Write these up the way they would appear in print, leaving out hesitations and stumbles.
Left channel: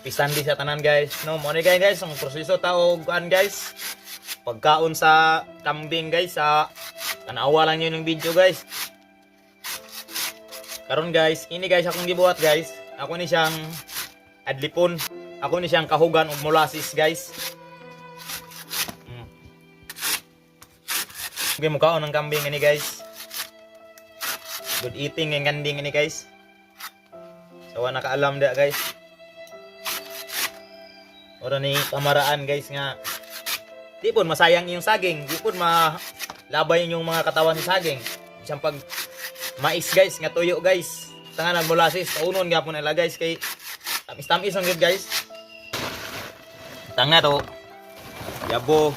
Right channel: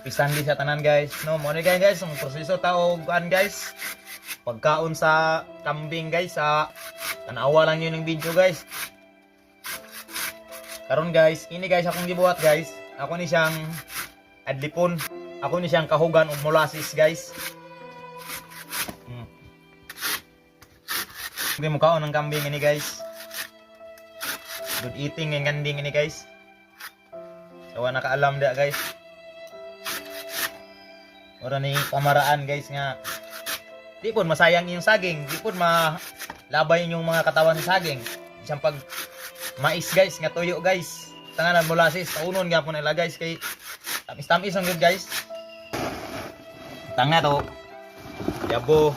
Pisandi sa tanan guys. No, mo ni guys, ang proseso tao kuan guys. Pagkaon sa kambing guys, sa tanawa lang yun yung video guys. Karon guys, ini guys akong gibuhat guys. Ako ni siyang adlipon. Ako ni siyang kahugan og molasses guys. Okay, mukhaon ng kambing ini guys. Good eating ang kanding ini guys. Sawa nakaalam dia guys. Ora ni kamaraan guys nga di pun masayang yung saging, di pun malabay yung mga katawan ng saging. Isang pag mais guys, nga tuyo guys. Tanganan molasses, kaunon gyapon nila guys kay tamis-tamis ang good guys. Tanga to. Yabo.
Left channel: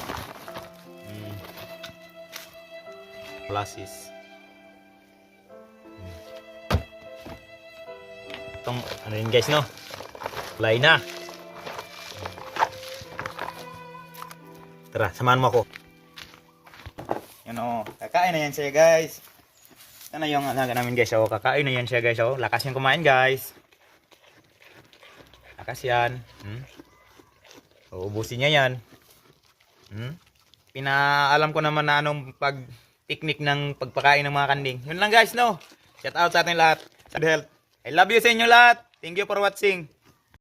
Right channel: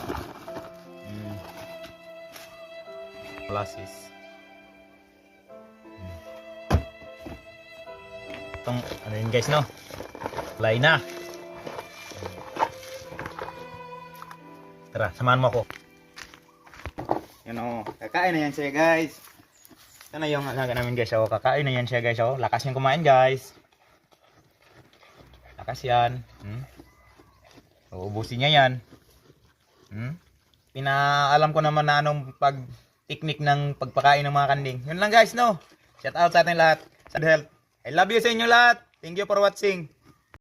Molasses. Itong ano yun guys no? Fly na. Tara, samahan mo ako. Ano, kakain na yan siya guys. Ano yung alaga namin guys, oh, kakain na yan siya guys, oh. Lakas yung kumain guys. Lakas yan. Uubusin niya yan. Pinaalam ko naman na anong pag-technique ng pagpakain ng mga kanding. Yun lang guys, no? Shout out sa ating lahat. Sad health. I love you sa inyo lahat. Thank you for watching.